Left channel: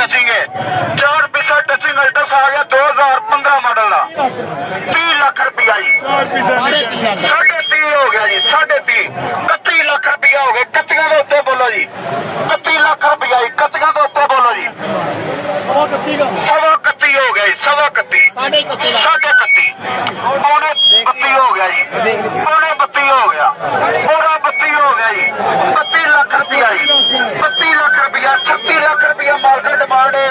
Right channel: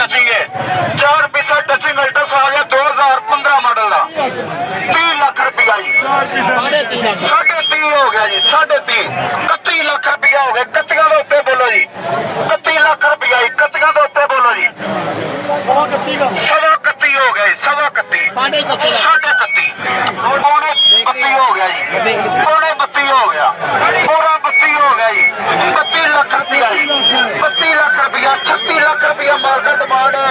Touching है। 4 पीछा touching Altis आ गया 2015 मॉडल का 30 लाख रुपया जी। 30.5 हो गया जी 30.5 31 लाख रुपया हो गया। कत्तियां के उत्ते बोलो जी 31 लाख रुपया जी। कत्तियां के उत्ते बोलो जी 31 हो गया जी 31 पौने 32 हो गया जी पौने 32 हो गया पूरा 32 हो गया जी 32 लाख रुपया जी 32 लाख रुपया 36 लाख रुपया मार्केट डिमांड है।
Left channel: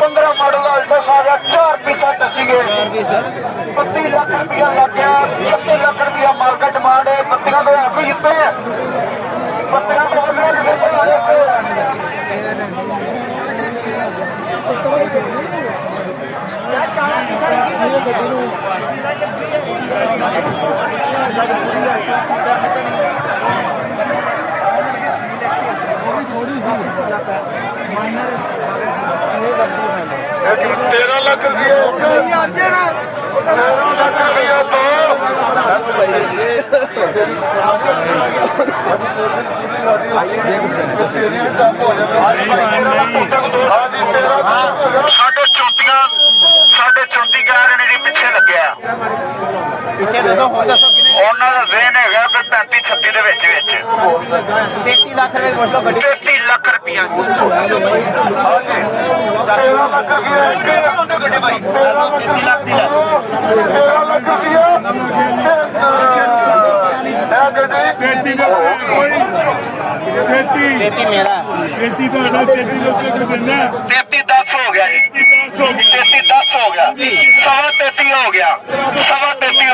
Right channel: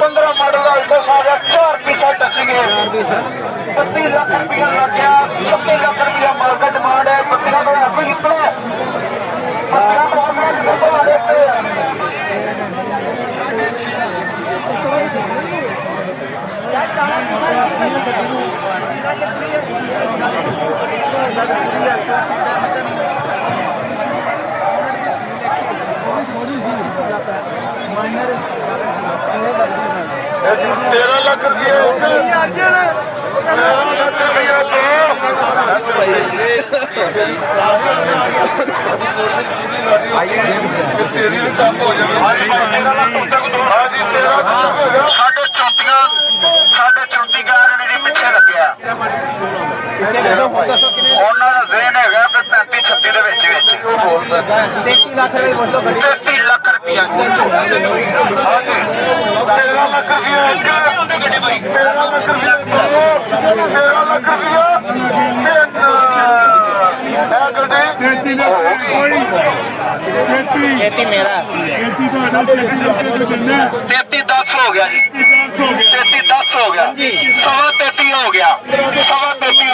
15 मॉडल का अल्टस आ गया 4 पीछा टचिंग है 32 लाख रुपया लग गया 36 लाख रुपया मार्केट डिमांड है। पत्तियां तो आखो जितना पत्तियां तो तेरह लाख साढ़े 34 कह रहे ने जी पिछे लग्या ਉਹਨਾਂ ਦਾ ਵੇਨ ਹੈਗਾ 35 36 ਦੇ ਵਿੱਚ 33 ਲੱਖ ਰੁਪਇਆ 13 ਲੱਖ ਰੁਪਇਆ 13 ਲੱਖ ਰੁਪਇਆ 13 ਲੱਖ ਰੁਪਇਆ मेरा 33 हो गया जी 33 10 हो गया 33 हो गया 33